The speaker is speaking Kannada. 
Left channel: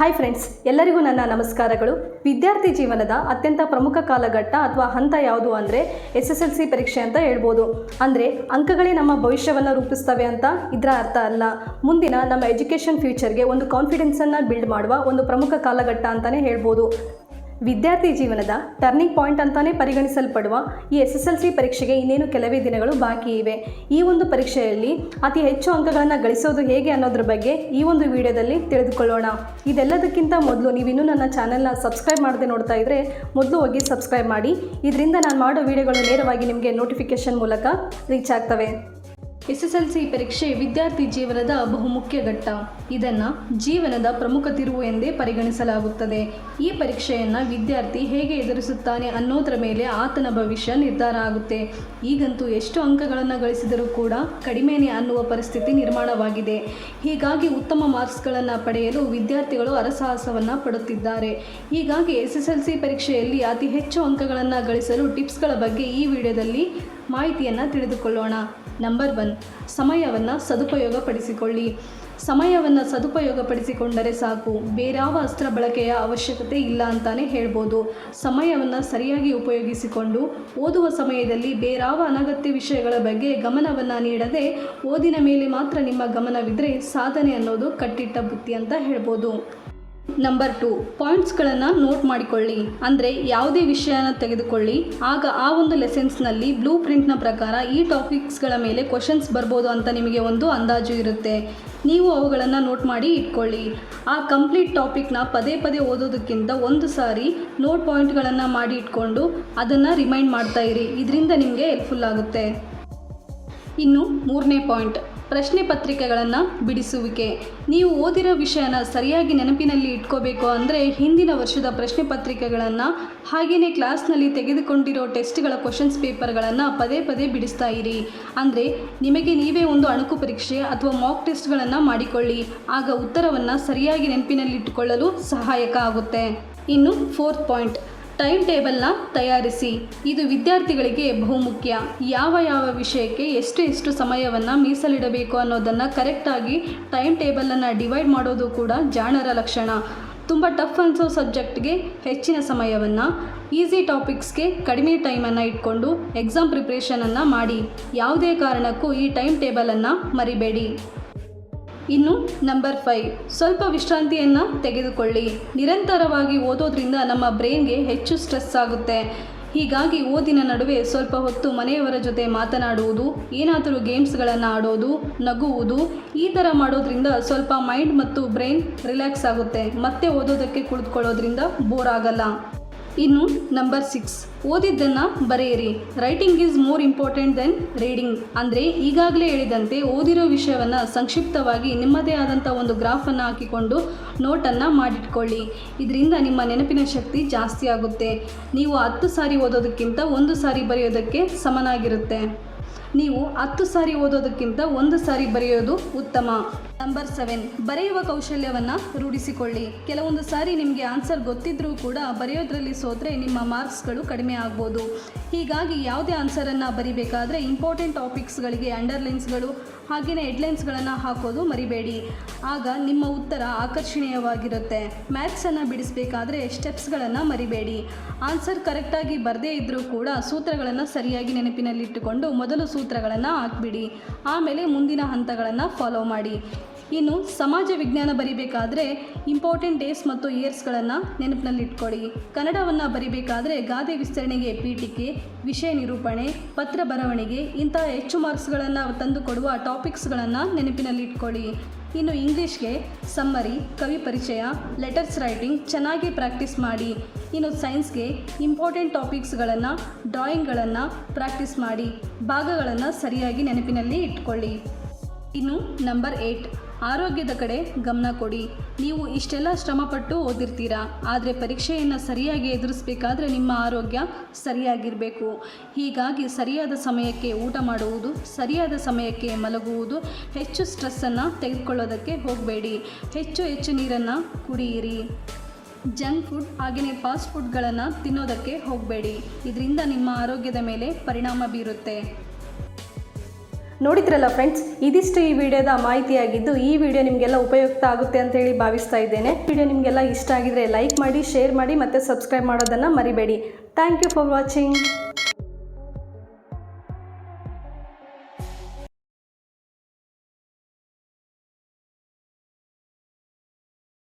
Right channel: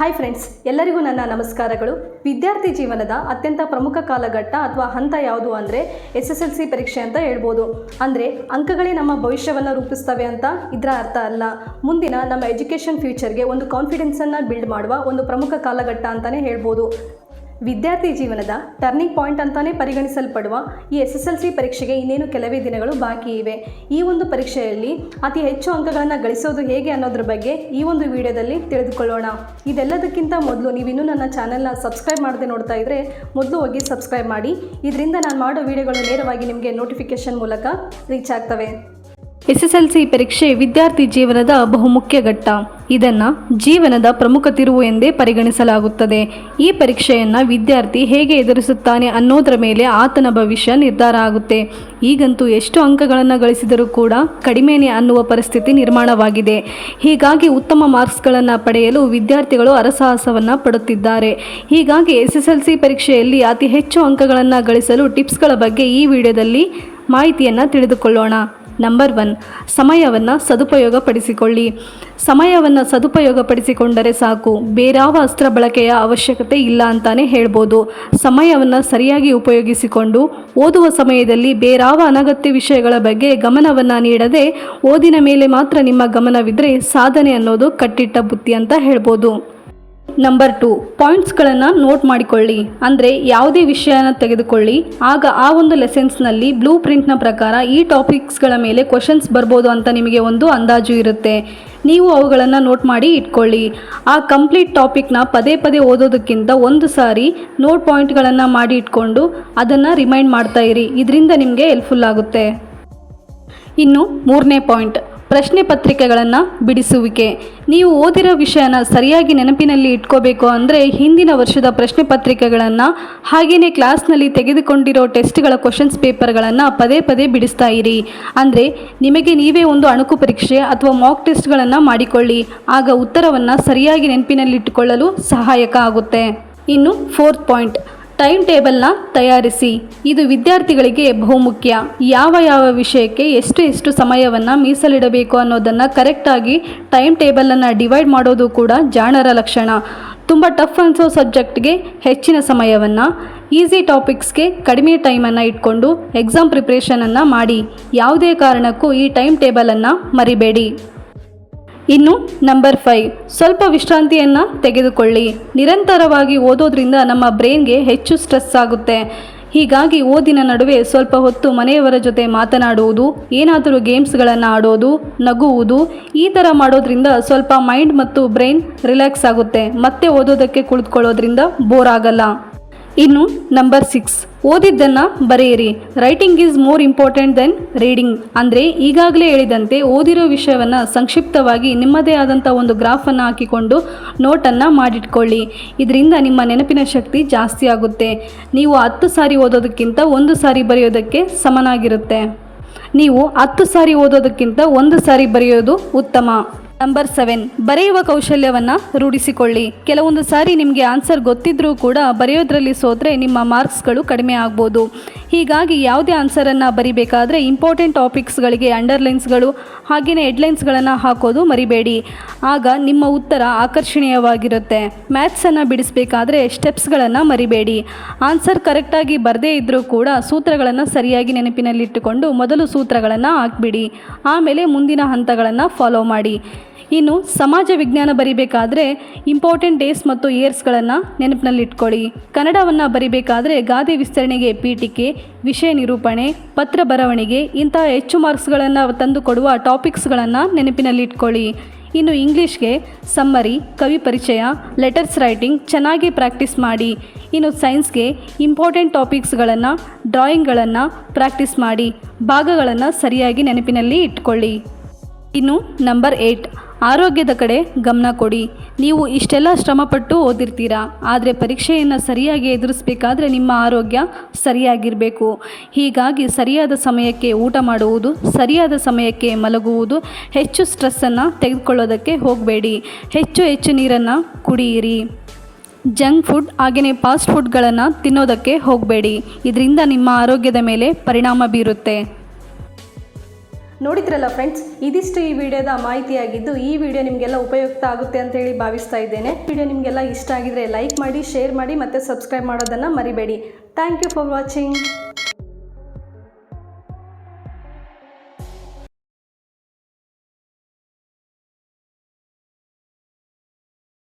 ಹಾಯ್ ಫ್ರೆಂಡ್ಸ್, ಎಲ್ಲರಿಗೂ ನನ್ನ ನಮಸ್ಕಾರಗಳು. ವಿದ್ಯಾರ್ಥಿ ಜೀವನದ ಅತ್ಯಂತ ಪ್ರಮುಖ ಕಾಲಘಟ್ಟ ಅಥವಾ ಹಂತ ಯಾವುದು ಅಂದರೆ SSLC ಪರೀಕ್ಷೆ ಅಂತ ಹೇಳ್ಬೋದು. ಅಂದರೆ ಅಂಕಗಳೇ ನಮ್ಮ ಭವಿಷ್ಯವನ್ನು ರೂಪಿಸ್ತವೆ ಅಂತ ಇದರ ಅರ್ಥ ಅಲ್ಲ. ಮುಂದಿನ ನಮ್ಮ ಎಜುಕೇಷನ್ ಫ್ಯೂಚರ್ಗೆ ಒಂದು ಕಾನ್ಫಿಡೆನ್ಸನ್ನು ಬಿಲ್ಡ್ ಮಾಡುವ ಒಂದು ಪ್ರಮುಖ ಕಾಲಘಟ್ಟ ಅಂತಲೇ ಹೇಳ್ಬೋದು. ವಿದ್ಯಾರ್ಥಿ ಜೀವನದ ಟರ್ನಿಂಗ್ ಪಾಯಿಂಟ್ ಅಂತಾನೆ ಪರಿಗಣಿಸಲ್ಪಡುವ ಈ SSLC ಪರೀಕ್ಷೆಗೆ ಇನ್ನೇನು ಕೆಲವೇ ದಿನಗಳು ಬಾಕಿ ಇವೆ. ಈ ಒಂದು ಪರೀಕ್ಷೆಯಲ್ಲಿ ಅತಿ ಹೆಚ್ಚು ಅಂಕಗಳನ್ನು ಗಳಿಸೋದು ಹೇಗೆ ಅನ್ನೋದ್ರ ಬಗ್ಗೆ ಈ ಒಂದು ವಿಡಿಯೋದಲ್ಲಿ ತಿಳಿದುಕೊಳ್ಳೋಣ. ಇದೆಲ್ಲದಕ್ಕಿಂತ ಮೊದಲು ನೀವಿನ್ನೂ ನನ್ನ ಚಾನೆಲ್ನ ಸಬ್ಸ್ಕ್ರೈಬ್ ಮಾಡದೆ ನೋಡ್ತಾ ಇದ್ದರೆ ಮೊದಲು ಹೋಗಿ ಸಬ್ಸ್ಕ್ರೈಬ್ ಮಾಡಿ. ಇದರಿಂದ ನಾನು ಮಾಡೋ ವಿಡಿಯೋಗಳು ನೇರವಾಗಿ ನಿಮಗೆ ನೋಟಿಫಿಕೇಷನ್ ಮೂಲಕ ರೀಚ್ ಆಗ್ತವೆ. SSLC ಪರೀಕ್ಷೆ ವಿದ್ಯಾರ್ಥಿ ಜೀವನದ ಬಹುಮುಖ್ಯ ಘಟ್ಟ. ಇದನ್ನು ಜೀವನದ ಪ್ರಮುಖ ತಿರುವು ಎಂದೇ ಪರಿಗಣಿಸಲಾಗುತ್ತದೆ. ಈ ಪರೀಕ್ಷೆಯನ್ನು ವಿದ್ಯಾರ್ಥಿ ಹೇಗೆ ಎದುರಿಸುತ್ತಾನೆ ಅನ್ನೋದರ ಮೇಲೆ ಆತನ ಭವಿಷ್ಯ ನಿರ್ಧಾರ ಆಗುತ್ತೆ. ಈಗಂತೂ ಎಷ್ಟು ಅಂಕಗಳನ್ನು ಗಳಿಸಿದರೂ ಕೂಡ ಕಡಿಮೆನೇ ಅನ್ನುವ ಪರಿಸ್ಥಿತಿ ನಿರ್ಮಾಣವಾಗಿದೆ. ಹೀಗಾಗಿ ಉತ್ತಮ ಮಾರ್ಕ್ಸ್ಗಳನ್ನು ಪಡೆಯಲು ವಿದ್ಯಾರ್ಥಿಗಳು ಹರಸಾಹಸವನ್ನು ಪಡುತ್ತಿದ್ದಾರೆ. ಹೀಗಾಗಿ SSLC ಪರೀಕ್ಷೆಯಲ್ಲಿ ಅತಿ ಹೆಚ್ಚು ಅಂಕಗಳನ್ನು ಗಳಿಸಲು ಟಿಪ್ಸ್ಗಳ ಬಗ್ಗೆ ಈ ವಿಡಿಯೋದಲ್ಲಿ ಮಾಹಿತಿಯನ್ನು ತಿಳಿದುಕೊಳ್ಳೋಣ. ನಂಬರ್ 1, ಸಮಯವನ್ನು ಸದುಪಯೋಗಪಡಿಸಿಕೊಳ್ಳಿ. ಸಮಯವನ್ನು ಸದುಪಯೋಗಪಡಿಸಿಕೊಂಡರೆ ಸಾಕು, ಬೇರಾವ ಅಸ್ತ್ರ ಬಳಕೆಯ ಅವಶ್ಯಕತೆ ಇಲ್ಲ ಅಂತಾನೆ ಹೇಳ್ಬೋದು. ಸಮಯವನ್ನು ಸರಿಯಾಗಿ ಉಪಯೋಗಿಸಿಕೊಂಡು ಓದುವ ಸಮಯದಲ್ಲಿ ಬೇರಾವ ಅನಗತ್ಯ ವಿಷಯಗಳ ಬಗ್ಗೆ ಗಮನವನ್ನು ನೀಡದೆ ಓದಿನ ಮೇಲೆ ಮಾತ್ರ ನಿಮ್ಮ ಗಮನವಿದ್ದರೆ ಸಾಧನೆ ಅನ್ನೋದು ಕಟ್ಟಿಟ್ಟ ಬುತ್ತಿ ಅಂತ ಹೇಳ್ಬೋದು. ನಂಬರ್ 2, ಪಾಯಿಂಟ್ಸ್ಗಳನ್ನು ನೋಟ್ ಮಾಡಿಕೊಳ್ಳಿ. ಅಂದರೆ ಯಾವುದೇ ವಿಷಯನ ತೆಗೆದುಕೊಳ್ಳಿ, ಆಗ ಆ ಒಂದು ಲೆಸನ್ಸ್ನಲ್ಲಿ ಬ್ಲೂ ಪ್ರಿಂಟ್ನ ಪ್ರಕಾರ ಈ ಟಾಪಿಕ್ಸ್ಗಳ ಮೇಲೆ ಕ್ವಶನ್ಸ್ ಬರ್ಬೋದು ಅಂತ ನಿಮಗೆ ಒಂದು ಅಂದಾಜು ಇರುತ್ತೆ. ನೀವು ಅವುಗಳನ್ನು ನೋಟ್ ಮಾಡಿ ಇಟ್ಕೊಳ್ಳಿ. ಆ ಕಂಪ್ಲೀಟ್ ಟಾಪಿಕ್ನ ಪದೇ ಪದೇ ಓದೋದಕ್ಕಿಂತ ಒಂದು ಸಾರಿ ನೋಟ್ ಪಾಯಿಂಟ್ಗಳನ್ನು ಮಾಡಿ ಇಟ್ಕೊಂಡು ಅದನ್ನು ರಿಮೈಂಡ್ ಮಾಡ್ತಾ ಇರಿ. ಇದರಿಂದ ನಿಮಗೆ ಹೆಲ್ಪ್ಫುಲ್ ಆಗುತ್ತೆ. ಇನ್ನು 3ನೇ ಪಾಯಿಂಟ್, ಪ್ರಶ್ನೆ ಪತ್ರಿಕೆಗಳನ್ನು ಬಿಡಿಸುವಿಕೆ. ನೀವು ಓದಿರೋ ವಿಷಯನ ಸರಿಯಾಗಿ ನೆನಪಿನಲ್ಲಿ ಇಟ್ಕೋಬೇಕು ಅಂದರೆ ಹಿಂದಿನ ವರ್ಷದ ಪ್ರಶ್ನೆ ಪತ್ರಿಕೆಗಳನ್ನು ಹಾಗೆಯೇ ಕ್ಲಾಸ್ನಲ್ಲಿ ತೆಗೆದುಕೊಂಡಿರೋ ಟೆಸ್ಟ್ಗಳ ಕ್ವಶನ್ಸ್ ಪೇಪರ್ಗಳನ್ನು ಪದೇ ಪದೇ ಬಿಡಿಸ್ತಾ ಇರಿ. ಅಂದರೆ ನಿಮಗೆ ನೀವೇ ಒಂದು ಅಣುಕು ಪರೀಕ್ಷೆ ಅಥವಾ ಮಾಕ್ ಟೆಸ್ಟ್ಗಳನ್ನು ಮಾಡಿಕೊಳ್ಳಿ. ಆಗ ಉತ್ತರವನ್ನು ಸರಿಯಾಗಿ ನೆನಪಿನಲ್ಲಿಟ್ಟುಕೊಳ್ಳಲು ಸಹಾಯಕ ಆಗುತ್ತೆ. ಇನ್ನು 4th ಪಾಯಿಂಟ್, ಟೈಮ್ ಟೇಬಲ್ನ ತಯಾರಿಸಿ. ಇದು ವಿದ್ಯಾರ್ಥಿಗಳಿಗೆ ಬಹುಮುಖ್ಯ. ಯಾವ ವಿಷಯಕ್ಕೆ ಎಷ್ಟು ಸಮಯವನ್ನು ಮೀಸಲಿಡಬೇಕು ಅನ್ನೋದನ್ನು ಕರೆಕ್ಟಾಗಿ ಟೈಮ್ ಟೇಬಲನ್ನು ಡಿವೈಡ್ ಮಾಡೋದು ಕೂಡ ಜಾಣರ ಲಕ್ಷಣ. ತುಂಬ ಟಫ್ ಅನಿಸೋ ಸಬ್ಜೆಕ್ಟ್ಗೆ ಹೆಚ್ಚಿನ ಸಮಯವನ್ನು, ಈಸಿ ಟಾಪಿಕ್ಸ್ಗೆ ಕಡಿಮೆ ಟೈಮನ್ನು ಇಟ್ಕೊಂಡು ಎಕ್ಸಾಮ್ ಪ್ರಿಪ್ರೇಷನನ್ನು ಮಾಡಿ. ಯಾವುದೇ ಕಾರಣಕ್ಕೂ ಈ ಟೈಮ್ ಟೇಬಲನ್ನು ಮರಿಬೇಡಿ. ಇನ್ನು ನಂಬರ್ 5, ಸ್ವಲ್ಪ ವಿಶ್ರಾಂತಿಯನ್ನು ತೆಗೆದುಕೊಳ್ಳಿ. ನಿರಂತರವಾಗಿ ಓದೋದ್ರಿಂದ ನಮ್ಮ ಬ್ರೈನ್ಗೆ ಹೆಚ್ಚು ಸ್ಟ್ರೆಸ್ ಆಗುತ್ತೆ. ಹೀಗಾಗಿ ಓದಿನ ನಡುವೆ ಸ್ವಲ್ಪ ಹೊತ್ತು ಮನೆಯವರ ಜೊತೆ ಮಾತನಾಡುವುದು, ಏನಾದರೂ ಗೇಮ್ಸ್ಗಳನ್ನು ಆಡೋದು, ನಗುವುದು, ಈ ಥರ ಮಾಡೋದ್ರಿಂದ ಸ್ವಲ್ಪ ಮೈಂಡ್ ಮತ್ತು ಬ್ರೈನ್ ರಿಲ್ಯಾಕ್ಸ್ ಆಗುತ್ತೆ. ಮತ್ತೆ ಓದೋದಕ್ಕೆ ಕುಳಿತುಕೊಳ್ಳೋದ್ರಿಂದ ಬೋರ್ ಆಗಲ್ಲ. ಇನ್ನು ನಂಬರ್ 6, ಓದಿದ್ದನ್ನು ಬರೆಯಿರಿ. Writing is more important than reading. ಅಂದರೆ ಈಗಾಗಲೇ ಹೇಳಿದಂತೆ ಓದಿರೋ ವಿಷಯವನ್ನು ಸಂಕ್ಷಿಪ್ತವಾಗಿ ನಿಮ್ಮದೇ ಆದಂಥ ಒಂದು ಗ್ರಾಫನ್ನು ಹಾಕಿಕೊಂಡು ನೋಟನ್ನು ಮಾಡಿಟ್ಕೊಳ್ಳಿ. ಇದರಿಂದ ನಿಮ್ಮ ನೆನಪಿನ ಶಕ್ತಿ ಜಾಸ್ತಿ ಆಗುತ್ತೆ. ನೀವು 10 ಸಾರಿ ಓದೋದಕ್ಕಿಂತ 1 ಸಾರಿ ಬರೆಯೋದಕ್ಕೆ ಸಮನಾಗಿರುತ್ತೆ. ನೀವು 10 ಸಾರಿ ಓದೋದಕ್ಕಿಂತ 1 ಸಾರಿ ಬರೆಯೋದು ಉತ್ತಮ. ನಂಬರ್ 7, ಬರೆಯುವ ಕೌಶಲ್ಯವನ್ನು ರೂಢಿಸಿಕೊಳ್ಳಿ. ಕೆಲವೊಂದು ಸಾರಿ ನಿಮಗೆ ಆನ್ಸರ್ ಗೊತ್ತಿದ್ದರೂ ಕೂಡ ಬರೆಯೋದ್ರಲ್ಲಿ ಸೋತ್ರೆ ನಿಮ್ಮ ಮಾರ್ಕ್ಸ್ಗಳು ಕಡಿಮೆ ಆಗ್ಬೋದು. ಹೀಗಾಗಿ ಯಾವುದೇ ಆನ್ಸರನ್ನು ಬರಿಬೇಕಾದ್ರೆ ಇಂಪಾರ್ಟೆಂಟ್ ಟಾಪಿಕ್ಸ್ಗಳಿಗೆ ಅಂಡರ್ಲೈನ್ಸ್ಗಳು ಹಾಗೆಯೇ ಹೆಡ್ಲೈನ್ಸ್ಗಳನ್ನು ಹಾಕೋದು ಮರಿಬೇಡಿ. ಆಗ ನಿಮ್ಮ ಉತ್ತರ ಆಕರ್ಷಣೀಯವಾಗಿರುತ್ತೆ. ಮ್ಯಾಥ್ಸನ್ನು ಬಿಡಿಸಬೇಕಾದ್ರೆ ಸ್ಟೆಪ್ಸ್ಗಳನ್ನು ಮರಿಬೇಡಿ. ಆನ್ಸರ್ ಕರೆಕ್ಟಾಗಿ ಬರದೇ ಇದ್ದರೂ ಕೂಡ ಸೂತ್ರಗಳನ್ನು ಸರಿಯಾಗಿ ನೆನಪಿನಲ್ಲಿಟ್ಟುಕೊಂಡು ಮೊದಲು ಸೂತ್ರಗಳನ್ನು ಹಾಕಿಬಿಡಿ. ಆಮೇಲೆ ಮುಂದಿನ ಹಂತಗಳನ್ನು ಫಾಲೋ ಮಾಡಿ. ಇನ್ನು ಸಮಾಜ ವಿಜ್ಞಾನ ಬರಿಬೇಕಾದ್ರೆ ಇಂಪಾರ್ಟೆಂಟ್ ಡೇಸ್ ಮತ್ತು ಇಯರ್ಸ್ಗಳನ್ನು ನೆನಪಿನಲ್ಲಿಟ್ಕೊಳ್ಳಿ. ಕನ್ನಡವನ್ನು ಬರಿಬೇಕಾದ್ರೆ ಗಾದೆ ವಿಸ್ತರಣೆಗೆ ಪೀಠಿಕೆ, ವಿಷಯ ನಿರೂಪಣೆ, ಪತ್ರ ಬರವಣಿಗೆ ಇಂತಹ ಹೆಚ್ಚು ಮಾರ್ಕ್ಸ್ಗಳನ್ನು ತಂದುಕೊಡುವ ಟಾಪಿಕ್ಸ್ಗಳನ್ನು ನೆನಪಿನಲ್ಲಿಟ್ಕೊಳ್ಳಿ. ಇನ್ನು ಇಂಗ್ಲೀಷ್ಗೆ ಸಮ್ಮರಿ, ಕವಿ ಪರಿಚಯ, ಲೆಟರ್ಸ್ ರೈಟಿಂಗ್ ಚೆನ್ನಾಗಿ ಪ್ರಾಕ್ಟೀಸ್ ಮಾಡಿ. ಇನ್ನು ಸೈನ್ಸ್ಗೆ ಇಂಪಾರ್ಟೆಂಟ್ ಟಾಪಿಕ್ಸ್ಗಳನ್ನು, ಡ್ರಾಯಿಂಗ್ಗಳನ್ನು ಪ್ರಾಕ್ಟೀಸ್ ಮಾಡಿ. ಭಾಗಗಳನ್ನು ಸರಿಯಾಗಿ ನೆನಪಿನಲ್ಲಿ ಇಟ್ಕೊಳ್ಳಿ. ಇನ್ನು ನಂಬರ್ 8, ಆರೋಗ್ಯದ ಕಡೆ ಗಮನ ಕೊಡಿ. ನೀವು ಇಷ್ಟೆಲ್ಲ ಶ್ರಮಪಟ್ಟು ಓದಿರ್ತೀರಾ, ಆದರೆ ಪರೀಕ್ಷೆಯನ್ನು ಸರಿಯಾಗಿ ಎದುರಿಸಬೇಕಾದ್ರೆ ನಿಮ್ಮ ಆರೋಗ್ಯ ಸರಿಯಾಗಿರಬೇಕು. ಹೀಗಾಗಿ ಸರಿಯಾದ ಸಮಯಕ್ಕೆ ಊಟ ಮಾಡುವುದು, ಸರಿಯಾದ ಸಮಯಕ್ಕೆ ಮಲಗುವುದು, ಹೆಚ್ಚು ಸ್ಟ್ರೆಸ್ಸನ್ನು ತೆಗೆದುಕೊಳ್ಳೋದಕ್ಕೆ ಹೋಗಬೇಡಿ. ಹೆಚ್ಚು ನೀರನ್ನು ಕುಡಿಯಿರಿ. ಜಂಕ್ ಫುಡ್ ಹಾಗೆಯೇ ಫಾಸ್ಟ್ ಫುಡ್ಗಳನ್ನು ತಿನ್ನೋದಕ್ಕೆ ಹೋಗಬೇಡಿ. ಇದರಿಂದ ನಿಮ್ಮ ಆರೋಗ್ಯದ ಮೇಲೆ ಪರಿಣಾಮ ಬೀರುತ್ತೆ. ನೋಡಿದ್ರಲ್ಲ ಫ್ರೆಂಡ್ಸ್, ಇದಿಷ್ಟು ಈ ವಿಡಿಯೋದ ಮಾಹಿತಿಯಾಗಿದ್ದು ಈ ವಿಡಿಯೋ ನಿಮಗೆಲ್ಲ ಉಪಯುಕ್ತ ಆಗುತ್ತೆ ಅಂತ ಹೇಳಿ ಭಾವಿಸ್ತಾ ಇದ್ದೇನೆ. ವಿಡಿಯೋ ನಿಮಗೆಲ್ಲ ಇಷ್ಟ ಆಗಿದ್ರೆ ಲೈಕ್ ಮಾಡಿ, ಶೇರ್ ಮಾಡಿ ಮತ್ತು ಸಬ್ಸ್ಕ್ರೈಬ್ ಮಾಡೋದನ್ನು ಮರಿಬೇಡಿ. Thank you for watching.